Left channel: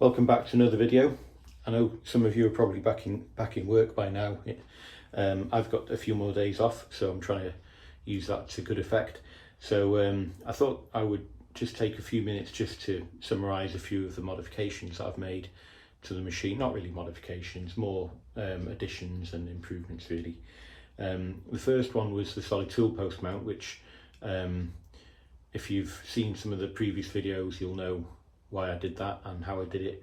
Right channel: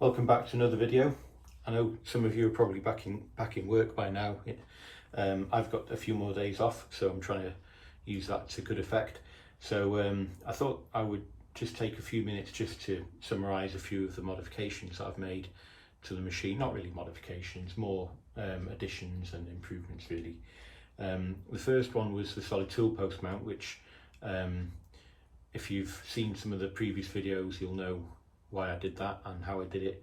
Welcome back to another video. I know some of you are probably back in work by now. I've got a few more days off, so I'm trying to use that to good effect. So I thought I would just take a few minutes just to summarise a few of the modifications that I've made to the machine. Not really modifications, more additions and improvements really. The first one was the solid tool post mount, which if you've seen some of the previous videos, you'll know why I did that and how I did it.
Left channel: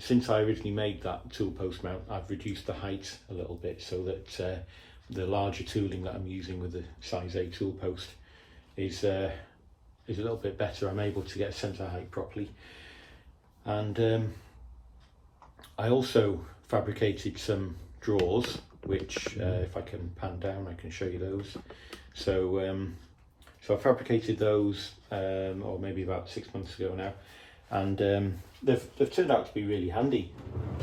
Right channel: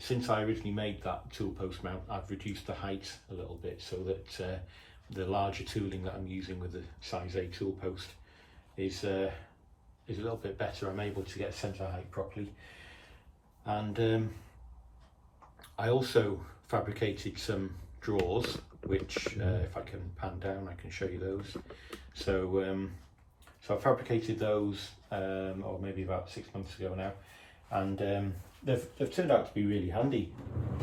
Since I originally made that tool post mount, I've reduced the height a little bit so that the larger tooling that I'm using with the size A tool post is a little bit better. I'm able to get a centre height properly. And I also fabricated some drawers, which if I can pan down I can show you those. So I fabricated those or maybe about 6 months ago now, and they've turned out to be really handy.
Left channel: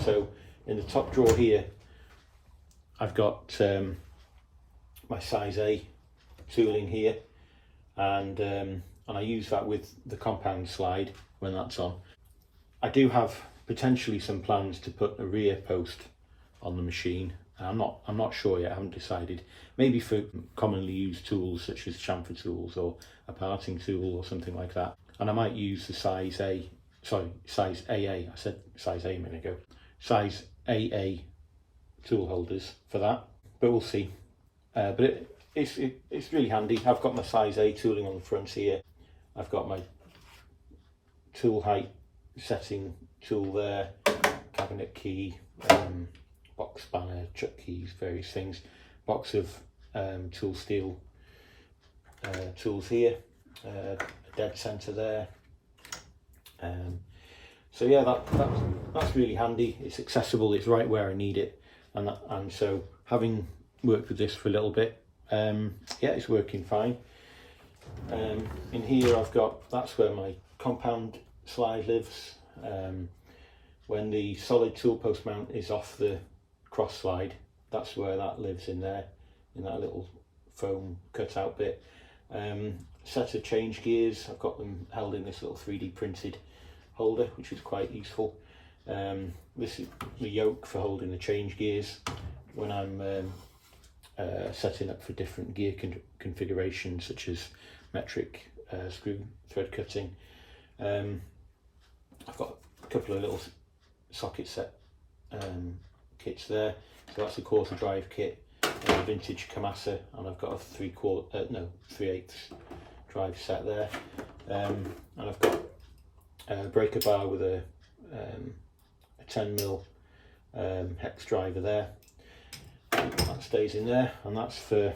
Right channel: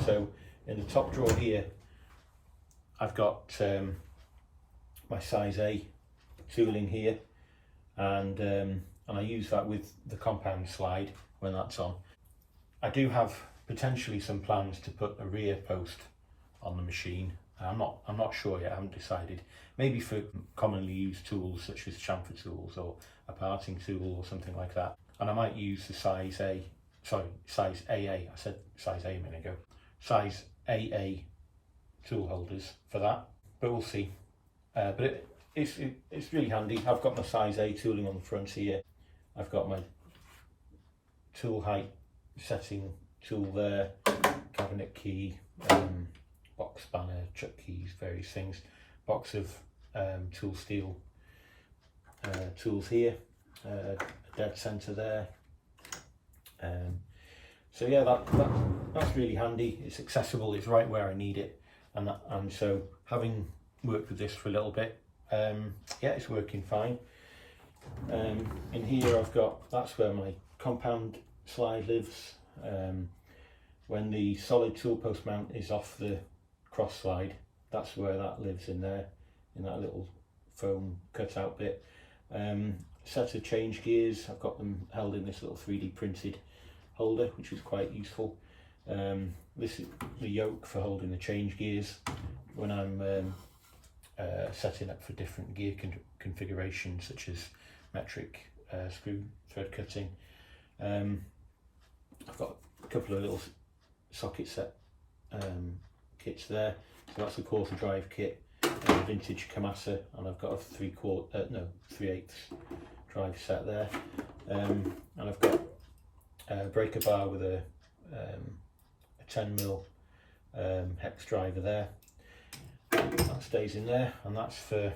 So in the top drawer here I've got my size A tooling here, and I use that with the compound slide when that's on. I do have potentially some plans to put a rear post on the machine. I'm not sure yet, I haven't decided. Maybe for commonly used tools such as chamfer tools or a parting tool or something like that. And I might use the size AA, I said size A a minute ago, size AA tool holders for that, but we'll see. But it's really handy. I've got my size A tooling on the front here. I've got my tool height setting tool there, cabinet key, box spanner, chuck keys, various things, box of tool steel tools here, a dead centre there. So yeah, that's really handy. It's accessible, it's right where I need it, and so having worked with this for a little bit, yeah, it's working fine. In here that's where my compound slide lives. When the solid tool post mount is off the cross slide, that's where that lives, in there, in that little foam cutout bit. Set of change gears, I've got them held in this little 3D printed holder, which is quite useful. This is the yoke for holding the change gears when I'm setting up for different gear configurations, such as metric screw thread cutting. I've got a couple of little socket set kits there. So that's a 1/4 drive kit, a vintage Kamasa, and I've got a 3/8 drive set there. And I've got a breaker bar with a 10mm hex driver there. That stays in there, and that's for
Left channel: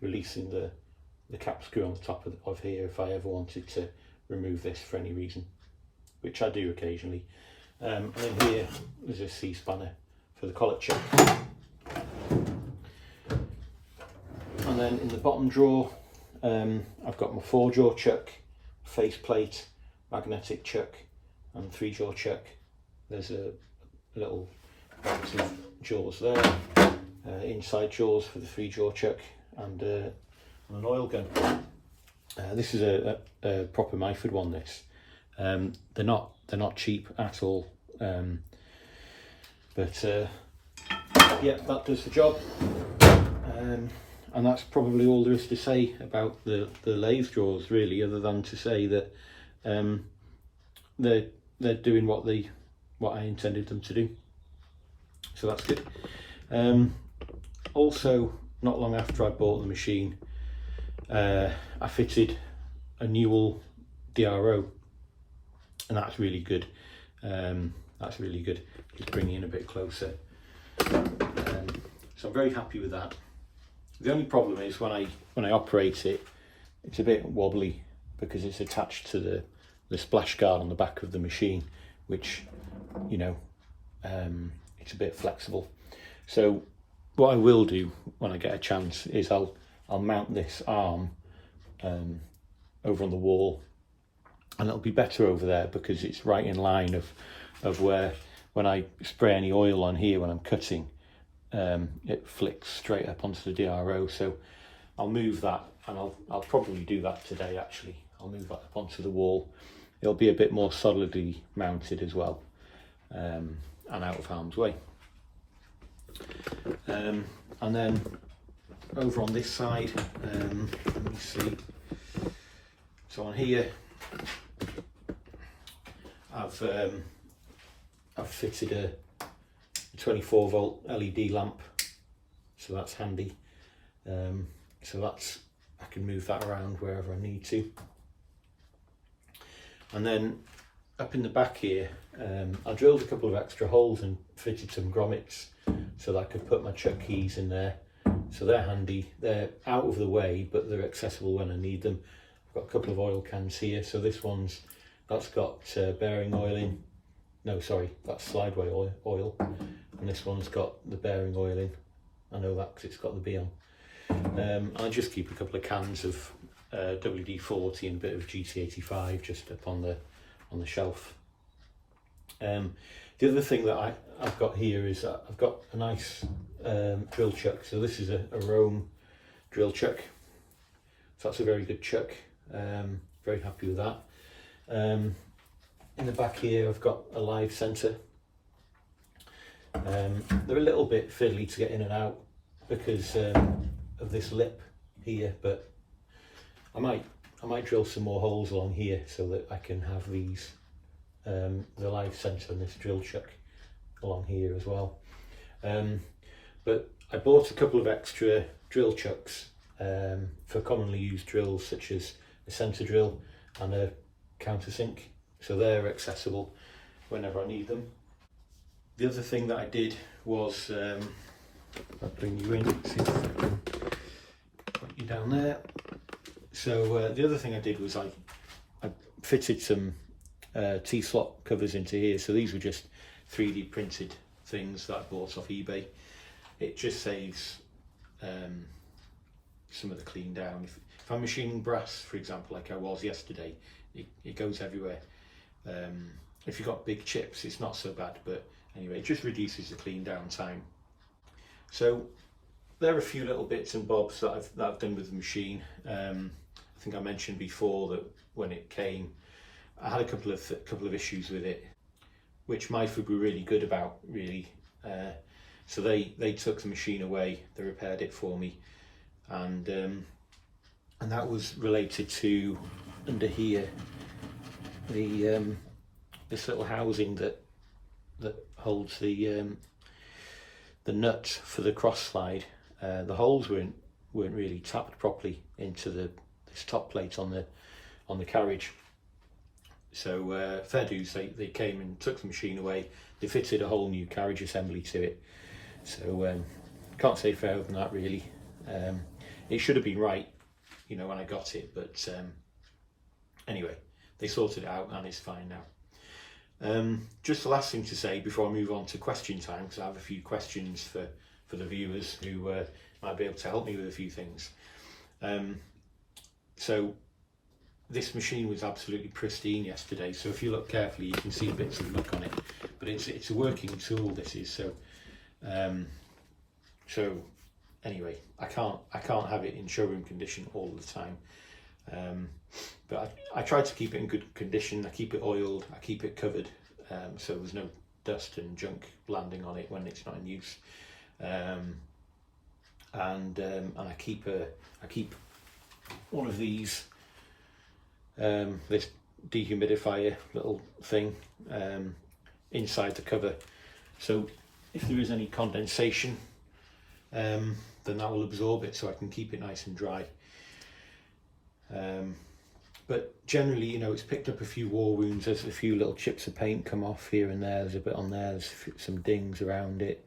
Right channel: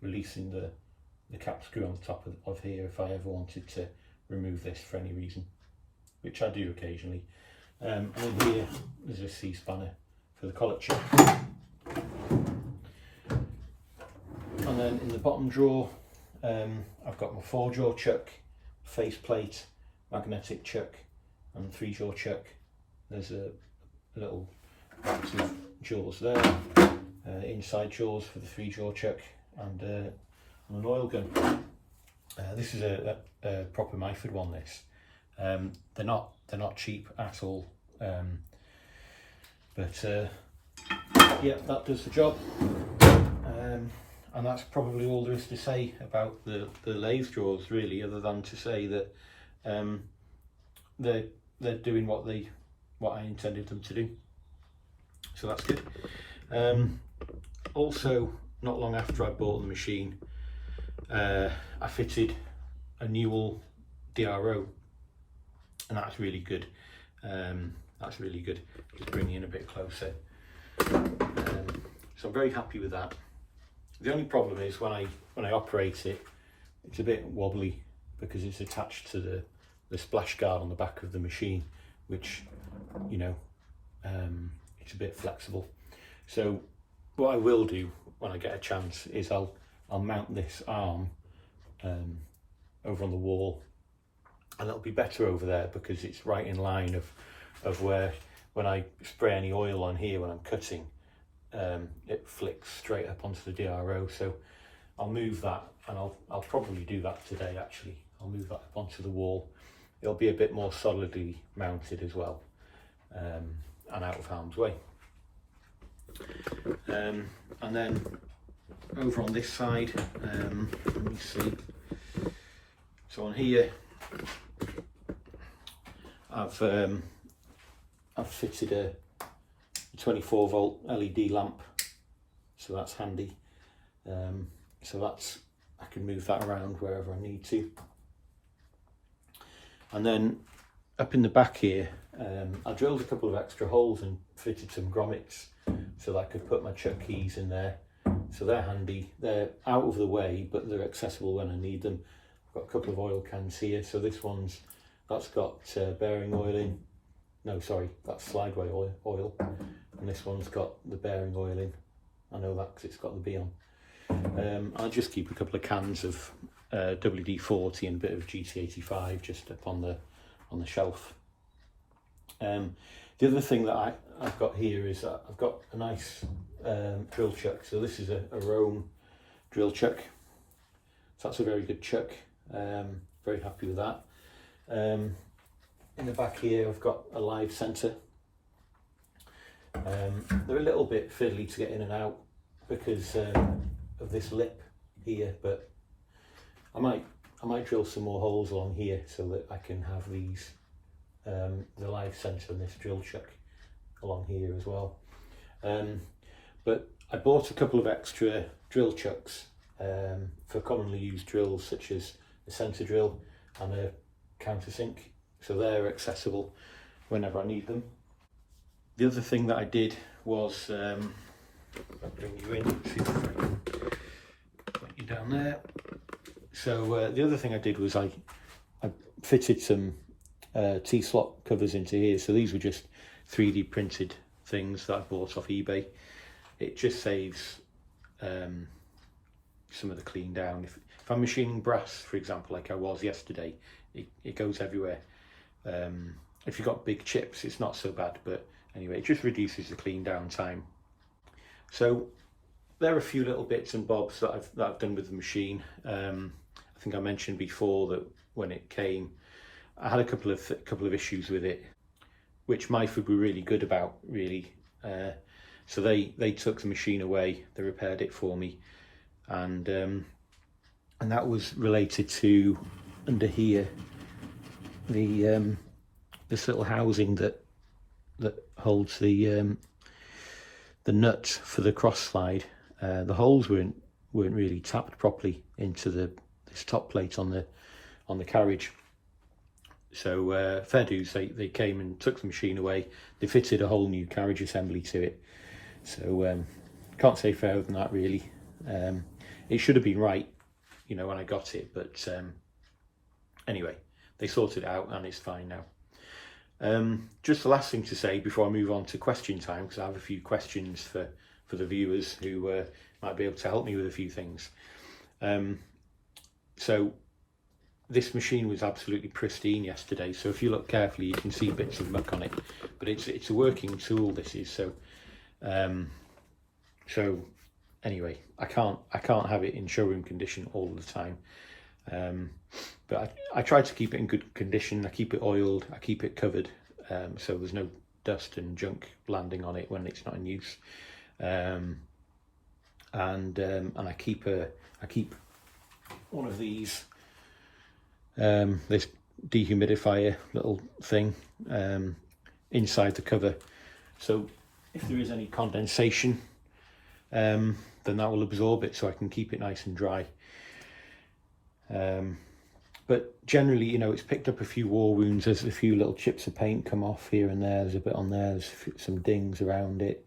releasing the cap screw on the top of here if I ever wanted to remove this for any reason, which I do occasionally. And in here there's a C-spanner for the collet chuck. And then in the bottom drawer I've got my 4-jaw chuck, faceplate, magnetic chuck and 3-jaw chuck. There's a little box of jaws there, inside jaws for the 3-jaw chuck, and an oil gun. This is a proper Myford one. This they're not cheap at all, but yeah, that does the job. And that's probably all there is to say about the lathe drawers, really, other than to say that they're doing what I intended them to do. So that's good. Also, not long after I bought the machine, I fitted a new DRO, and that's really good. That's really good. Just bring it in a bit closer. So I'm very happy with that. The only problem is when I operate it, it's a bit wobbly because it's attached to the splash guard on the back of the machine, which, you know, it's a bit flexible. So what I will do when I get a chance is I'll mount this arm over on the wall, and it'll be better over there because it's right in line of where, when I spray any oil on here when I'm cutting, it flicks straight up onto the DRO. So I'll move that, and I'll probably do that today actually. I'll move that up onto the wall. it'll be a bit more solidly mounted as well, and out of harm's way. And then over on this side, let me see. So on here, I've fitted a 24 volt LED lamp, so that's handy. So that's, I can move that around wherever I need to. And then up in the back here, I drilled a couple of extra holes and fitted some grommets so that I could put my chuck keys in there. So they're handy. They're out of the way, but they're accessible when I need them. I've got a couple of oil cans here. So this one's, that's got bearing oil in. No, sorry, that's slideway oil. And this one's got the bearing oil in. I know that because it's got the B on. I'll just keep a couple of cans of WD-40 and a bit of GT85 just up on the shelf. The other thing that I've got here is that I've got a nice drill chuck. So this is a Rome drill chuck. So that's a very good chuck. Very happy with that. In the back here I've got a live centre. They're a little bit fiddly to get in and out because of this lip here, but I might drill some more holes along here so that I can have these the live centre and this drill chuck along here as well. But I bought a couple of extra drill chucks for commonly used drills such as a centre drill and a countersink, so they're accessible whenever I need them. The other thing that I did was, I'll bring you in, see if I can put you down there. So the other thing I did was I fitted some T-slot covers into here. So these were just 3D printed things that I bought off eBay. It just saves some of the clean down. If I'm machining brass, for example, like I was yesterday, it goes everywhere. If you've got big chips, it's not so bad, but anyway, it just reduces the clean down time. So there are a few little bits and bobs that I've done with the machine. I think I mentioned before that when it came, I had a couple of issues with it, which Myford were really good about, really. So they took the machine away, they repaired it for me, and that was related to under here this little housing that holds the nut for the cross slide. The holes weren't really tapped properly into this top plate on the carriage. So fair dues, they came and took the machine away. They fitted a whole new carriage assembly to it. So can't say fairer than that, really. It should have been right, you know, when I got it, but anyway, they sorted it out and it's fine now. Just the last thing to say before I move on to question time, because I have a few questions for the viewers who might be able to help me with a few things. So this machine was absolutely pristine yesterday, so if you look carefully you can see bits of muck on it, but it's a working tool, this is. So so anyway, I can't have it in showroom condition all the time, but I try to keep it in good condition. I keep it oiled, I keep it covered, so there's no dust and junk landing on it when it's not in use, and I keep one of these this dehumidifier little thing inside the cover, so if there is any condensation, then that will absorb it, so I can keep it nice and dry. But generally, you know, it's picked up a few war wounds. There's a few little chips of paint come off here and there. There's a bit on there. There's some dings around it.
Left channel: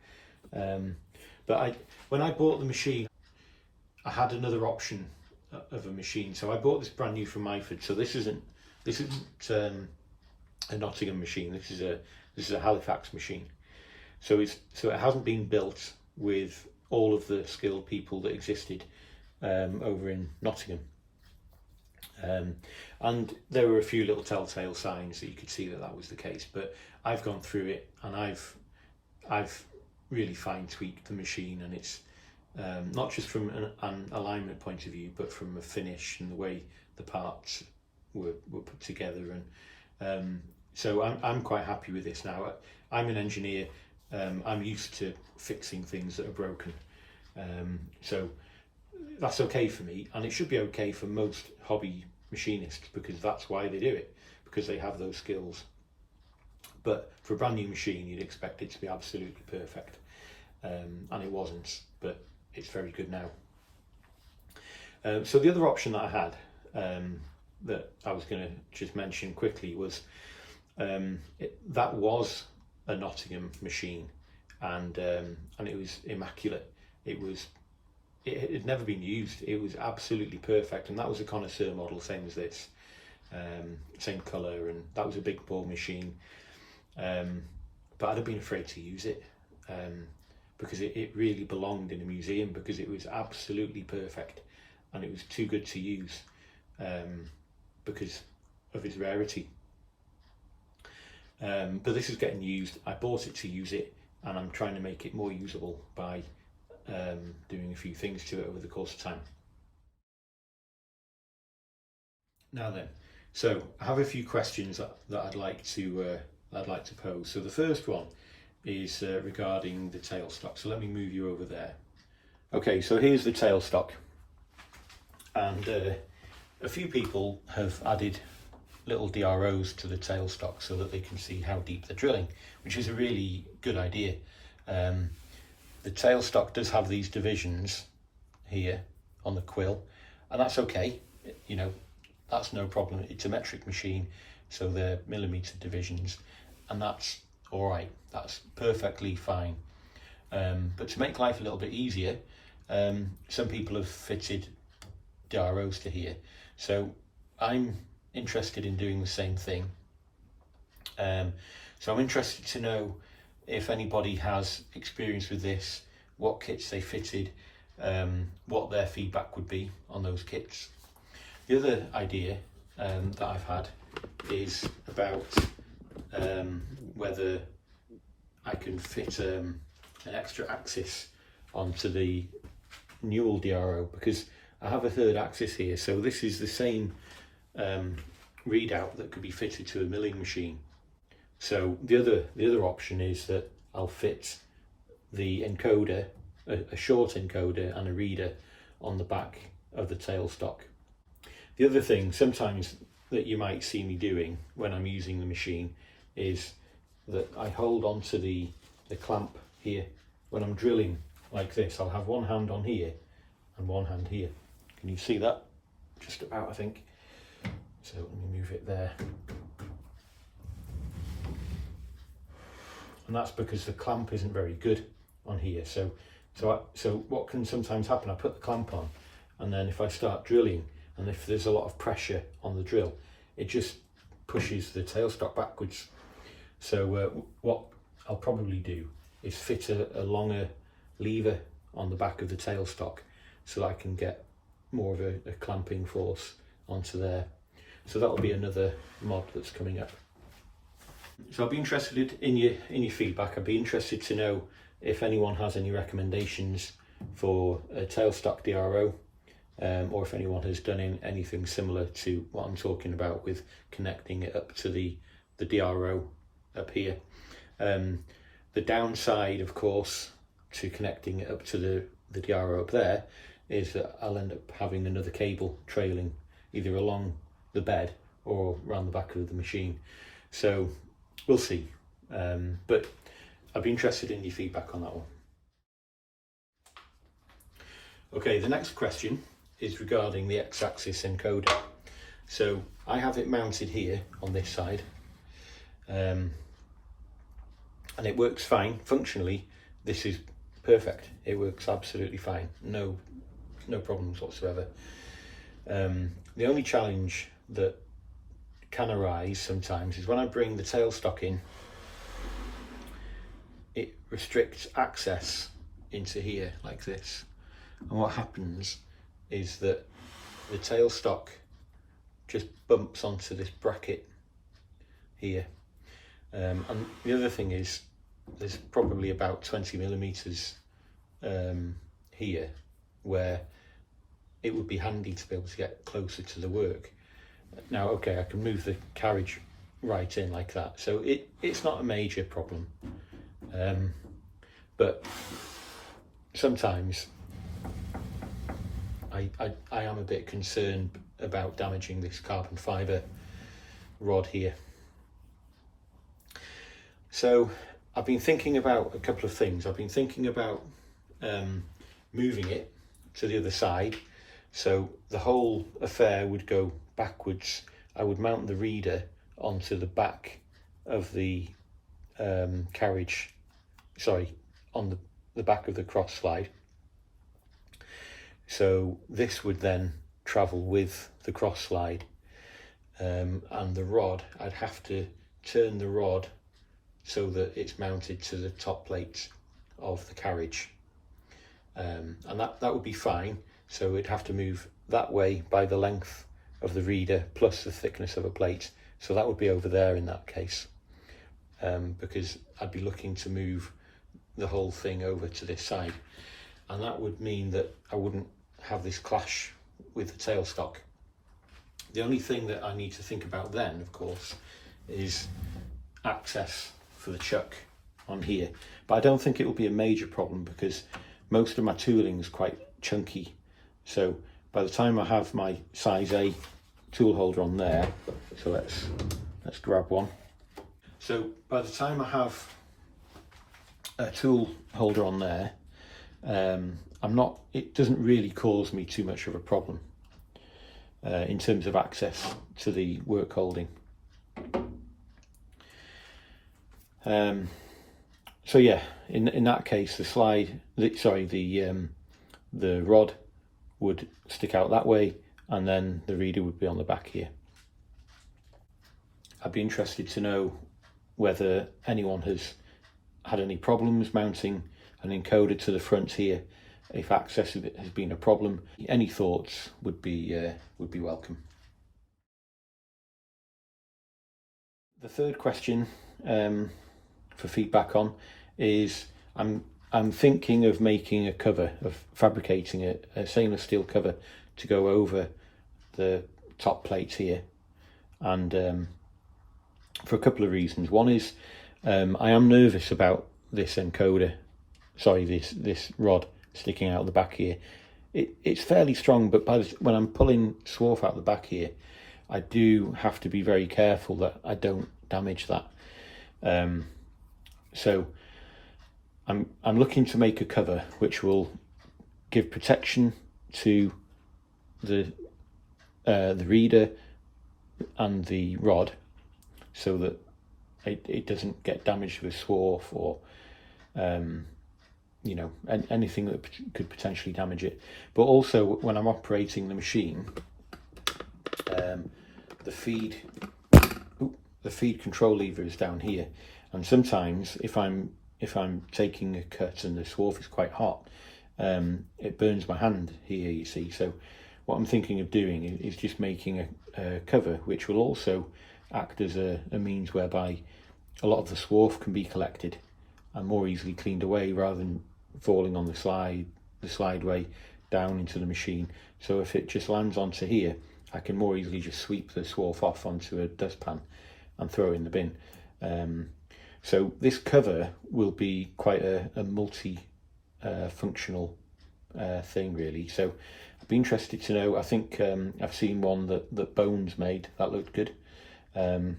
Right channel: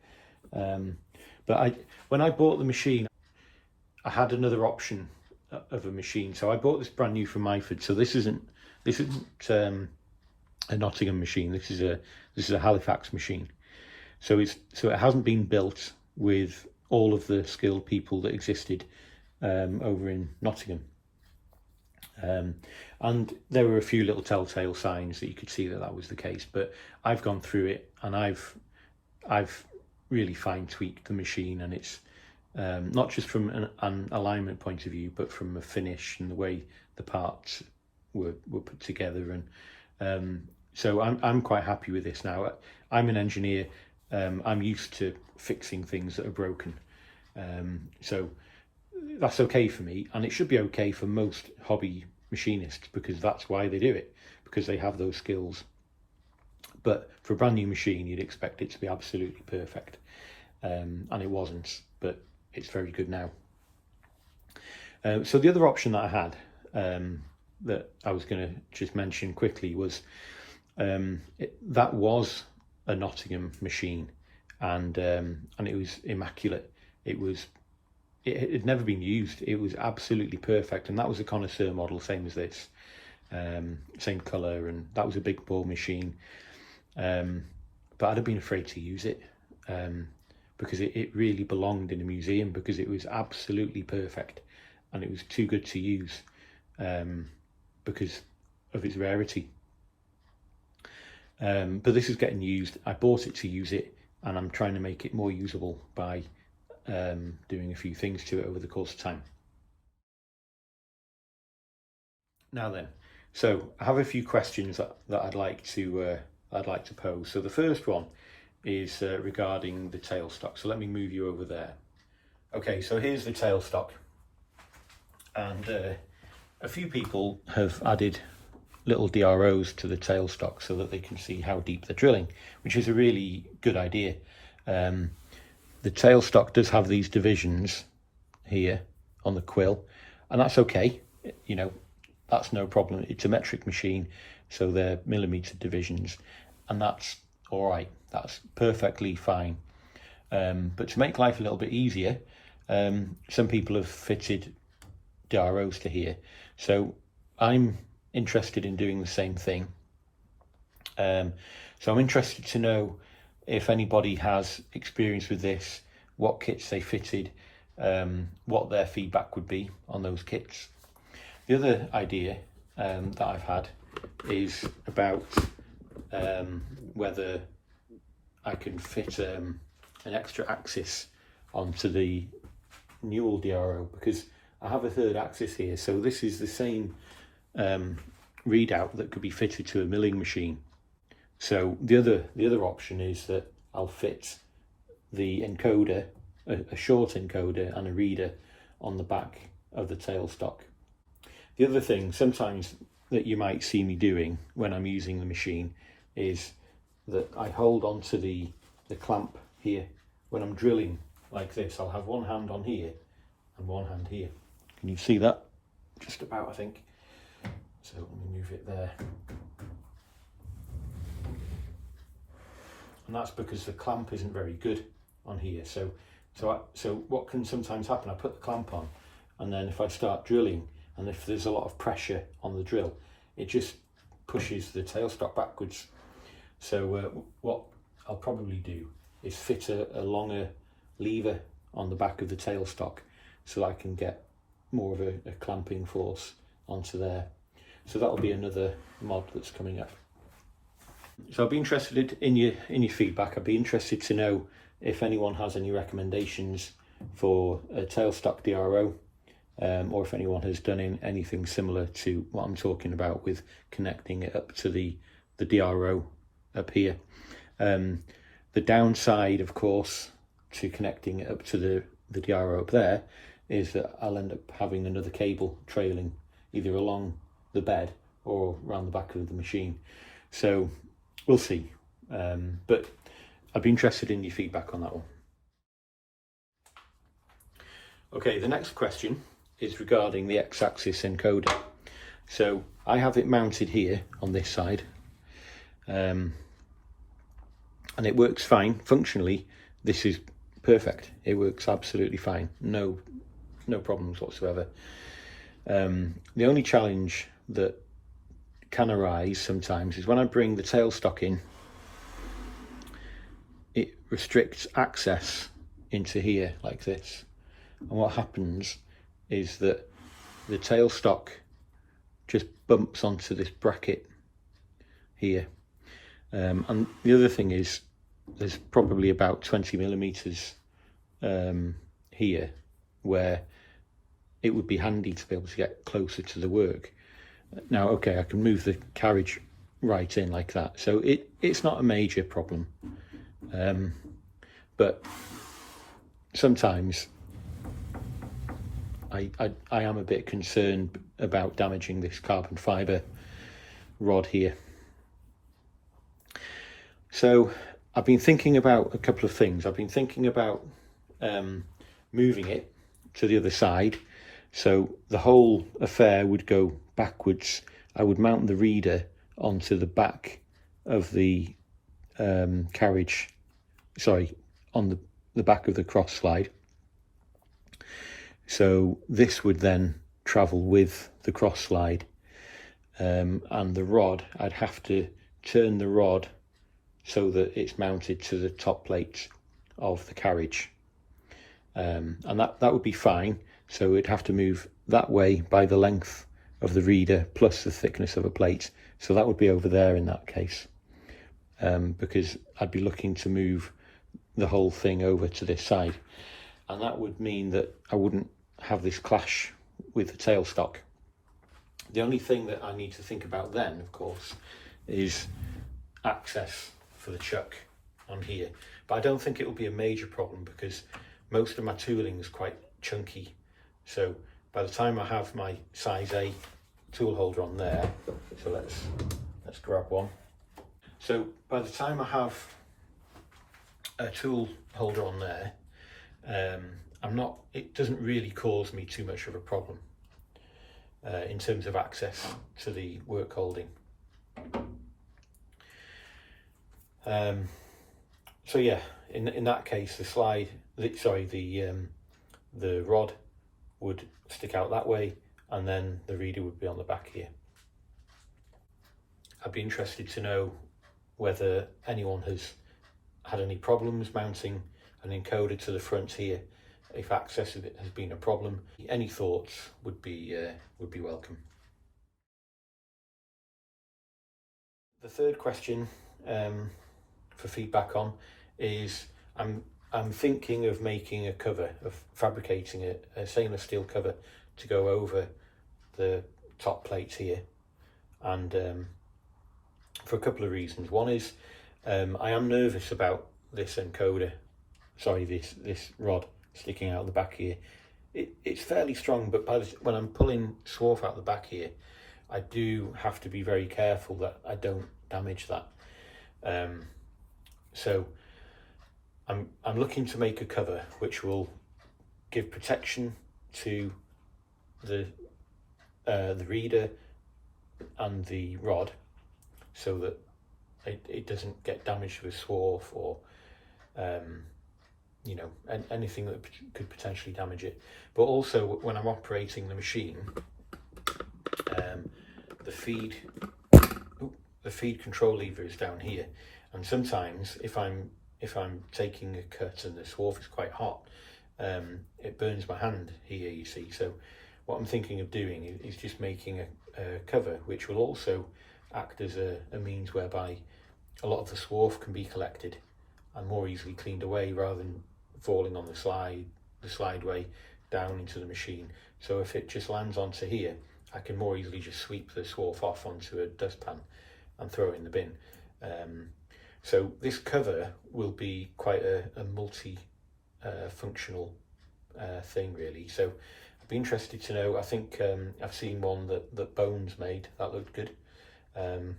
But when I bought the machine, I had another option of a machine. So I bought this brand new from Myford. So this isn't a Nottingham machine. This is a Halifax machine. So it hasn't been built with all of the skilled people that existed over in Nottingham. And there were a few little telltale signs that you could see that was the case, but I've gone through it and I've really fine tweaked the machine, and it's not just from an alignment point of view, but from a finish and the way the parts were put together, So I'm quite happy with this now. I'm an engineer. I'm used to fixing things that are broken. So that's okay for me, and it should be okay for most hobby machinists, because that's why they do it, because they have those skills. But for a brand new machine, you'd expect it to be absolutely perfect, and it wasn't, but it's very good now. So the other option that I had, that I was going to just mention quickly, was that was a Nottingham machine, and it was immaculate. It had never been used. It was absolutely perfect, and that was a connoisseur model, same as this, same colour, and that was a big bore machine. But I'd have been afraid to use it, because it really belonged in a museum, because it was absolutely perfect, and it was too good to use, because of its rarity. But this is getting used. I bought it to use it, and I'm trying to make it more usable by doing a few things to it over the course of time. Now then, so I have a few questions that I'd like to pose. So the first one is regarding the tailstock. So let me move you over there. Okay, so here's the tailstock, and a few people have added little DROs to the tailstock so that they can see how deep they're drilling, which is a really good idea. The tailstock does have these divisions here on the quill, and that's okay, you know, that's no problem. It's a metric machine, so they're millimetre divisions, and that's all right, that's perfectly fine. But to make life a little bit easier, some people have fitted DROs to here, so I'm interested in doing the same thing. So I'm interested to know if anybody has experience with this, what kits they fitted, what their feedback would be on those kits. The other idea that I've had is about whether I can fit an extra axis onto the Newell DRO, because I have a third axis here, so this is the same readout that could be fitted to a milling machine. So the other option is that I'll fit the encoder, a short encoder and a reader on the back of the tailstock. The other thing sometimes that you might see me doing when I'm using the machine is that I hold onto the clamp here. When I'm drilling like this, I'll have one hand on here and one hand here. Can you see that? Just about, I think. So let me move it there. And that's because the clamp isn't very good on here. So what can sometimes happen, I put the clamp on, and then if I start drilling, and if there's a lot of pressure on the drill, it just pushes the tailstock backwards. So what I'll probably do is fit a longer lever on the back of the tailstock, so that I can get more of a clamping force onto there. So that'll be another mod that's coming up. So I'll be interested in your feedback. I'd be interested to know if anyone has any recommendations for a tailstock DRO, or if anyone has done anything similar to what I'm talking about with connecting it up to the DRO up here. The downside, of course, to connecting it up to the DRO up there is that I'll end up having another cable trailing either along the bed or around the back of the machine. So we'll see, but I'd be interested in your feedback on that one. Okay, the next question is regarding the X-axis encoder. So I have it mounted here on this side, and it works fine. Functionally, this is perfect. It works absolutely fine. No problems whatsoever. The only challenge that can arise sometimes is when I bring the tailstock in, it restricts access into here like this, and what happens is that the tailstock just bumps onto this bracket here, and the other thing is there's probably about 20 millimeters here where it would be handy to be able to get closer to the work. Now, okay, I can move the carriage right in like that. So it's not a major problem, but sometimes I am a bit concerned about damaging this carbon fibre rod here. So I've been thinking about a couple of things. I've been thinking about moving it to the other side, so the whole affair would go backwards. I would mount the reader onto the back of the carriage, sorry, on the back of the cross slide. So this would then travel with the cross slide, and the rod, I'd have to turn the rod so that it's mounted to the top plates of the carriage, and that would be fine. So it'd have to move that way by the length of the reader plus the thickness of a plate, so that would be over there in that case, because I'd be looking to move the whole thing over to this side, and that would mean that I wouldn't have this clash with the tailstock. The only thing that I need to think about then, of course, is access for the chuck on here, but I don't think it will be a major problem because most of my tooling is quite chunky. So by the time I have my size A tool holder on there, so let's grab one. So by the time I have a tool holder on there, it doesn't really cause me too much of a problem in terms of access to the work holding. So yeah, in that case, the rod would stick out that way, and then the reader would be on the back here. I'd be interested to know whether anyone has had any problems mounting an encoder to the front here. If access has been a problem, any thoughts would be welcome. The third question for feedback on is I'm thinking of making a cover, of fabricating a stainless steel cover to go over the top plates here, and for a couple of reasons. One is I am nervous about this encoder, sorry, this rod sticking out the back here. It's fairly strong, but when I'm pulling swarf out the back here, I do have to be very careful that I don't damage that. So I'm looking to make a cover which will give protection to the reader and the rod, so that it doesn't get damaged with swarf or you know, anything that could potentially damage it. But also when I'm operating the machine, the feed control lever is down here, and sometimes if I'm taking a cut and the swarf is quite hot, it burns my hand here, you see. So what I'm thinking of doing is just making a cover which will also act as a means whereby a lot of the swarf can be collected and more easily cleaned away, rather than falling on the slideway down into the machine. So if it just lands onto here, I can more easily just sweep the swarf off onto a dustpan and throw it in the bin. So this cover will be quite a multi-functional thing really. So I'd be interested to know. I think I've seen one that Bones made that looked good, and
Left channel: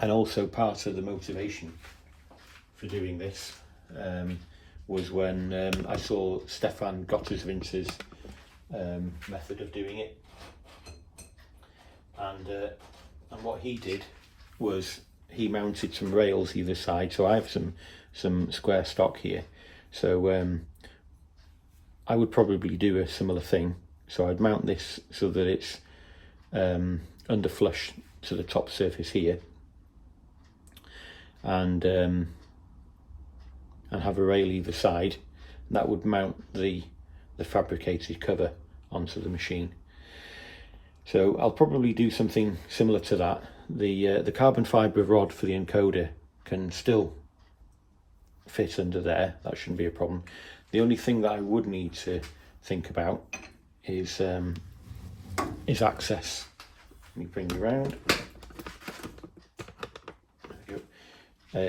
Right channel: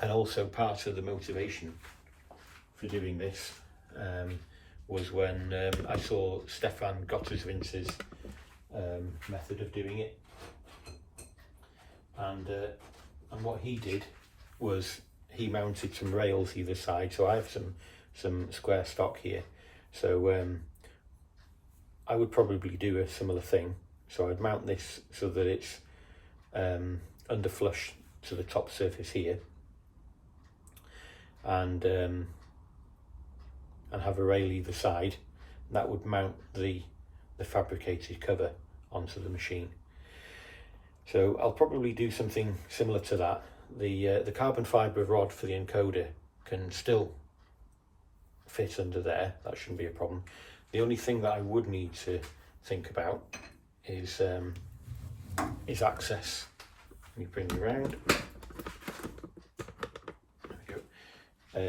also part of the motivation for doing this was when I saw Stefan Gotterswinter's method of doing it, and what he did was he mounted some rails either side. So I have some square stock here, so I would probably do a similar thing. So I'd mount this so that it's under flush to the top surface here, and have a rail either side. That would mount the fabricated cover onto the machine. So I'll probably do something similar to that. The carbon fibre rod for the encoder can still fit under there, that shouldn't be a problem. The only thing that I would need to think about is access. Let me bring it around.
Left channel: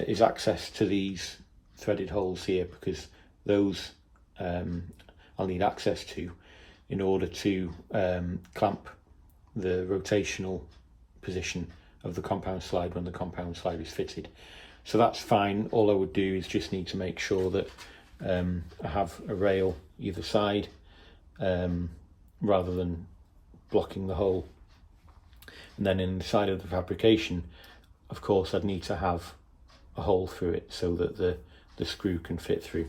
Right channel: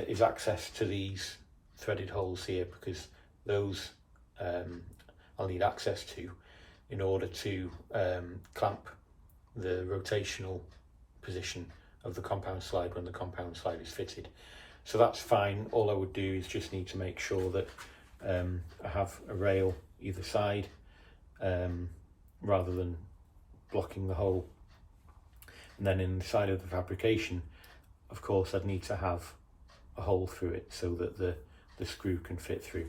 is access to these threaded holes here, because those I'll need access to in order to clamp the rotational position of the compound slide when the compound slide is fitted. So that's fine. All I would do is just need to make sure that I have a rail either side rather than blocking the hole. And then inside of the fabrication, of course, I'd need to have a hole through it so that the screw can fit through.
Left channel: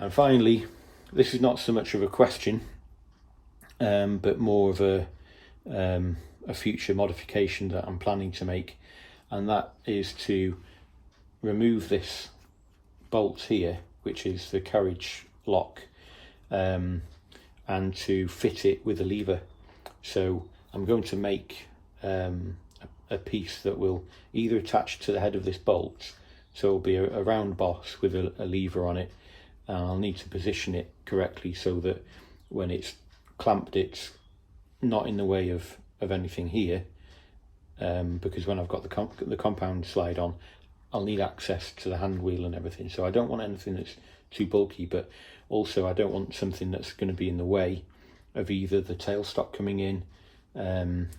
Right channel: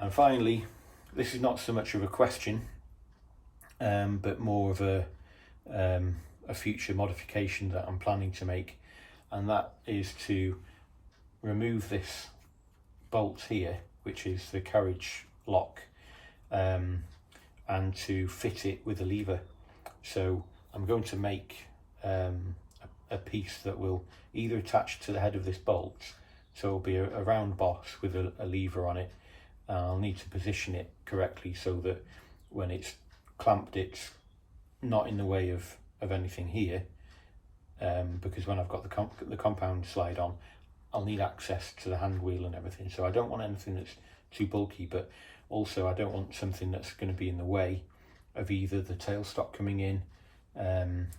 And finally, this is not so much of a question, but more of a future modification that I'm planning to make, and that is to remove this bolt here, which is the carriage lock, and to fit it with a lever. So I'm going to make a piece that will either attach to the head of this bolt, so it'll be a round boss with a lever on it, and I'll need to position it correctly so that when it's clamped it's not in the way of anything here, because when I've got the compound slide on, I'll need access to the hand wheel and everything. So I don't want anything that's too bulky, but also I don't want something that's going to be in the way of either the tailstock coming in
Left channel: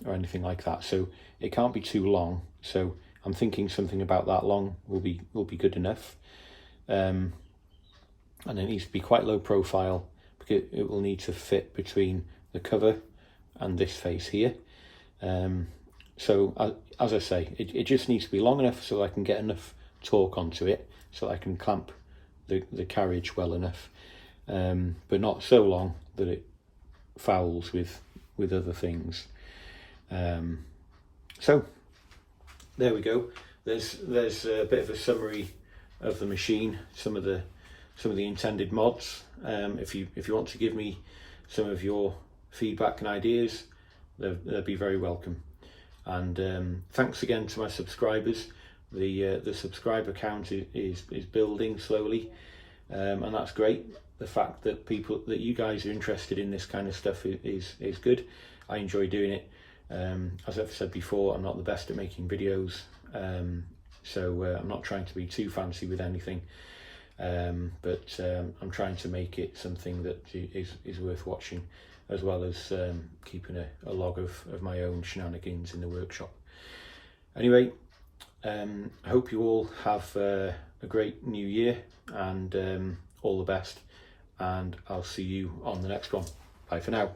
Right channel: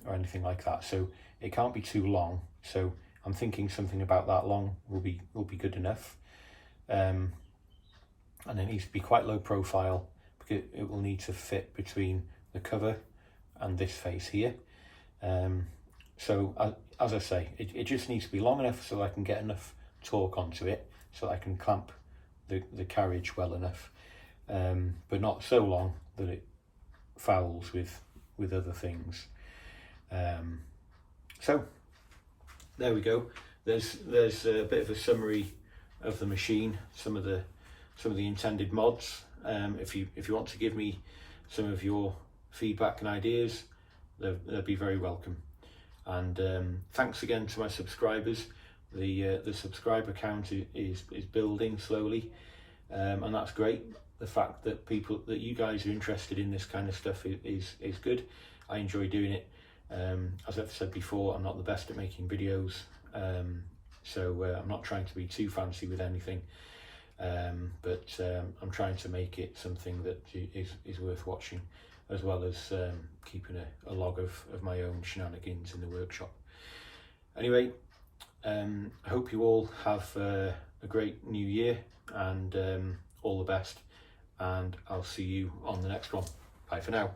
or anything like that. So it can't be too long, so I'm thinking something about that long will be good enough, and it needs to be quite low profile because it will need to fit between the cover and this face here. So as I say, it just needs to be long enough so I can get enough torque onto it so I can clamp the carriage well enough, but not so long that it fouls with other things. So there we go. There's a bit of a summary of the machine, some of the intended mods. If you want to give me some of your feedback and ideas, they'll be very welcome. And thanks again to my subscribers. The subscriber count is building slowly, and that's great. The fact that you guys are interested in this kind of stuff is good. I enjoy doing it. As I've said before, I'm not the best at making videos, so I'm not trying to be too fancy with anything, but I'm trying to make it something that is worth watching, as well as keeping a log of my own shenanigans in the workshop. Anyway, I hope you all have a great new year, and all the best, and I'll see you on the next one. Bye for now.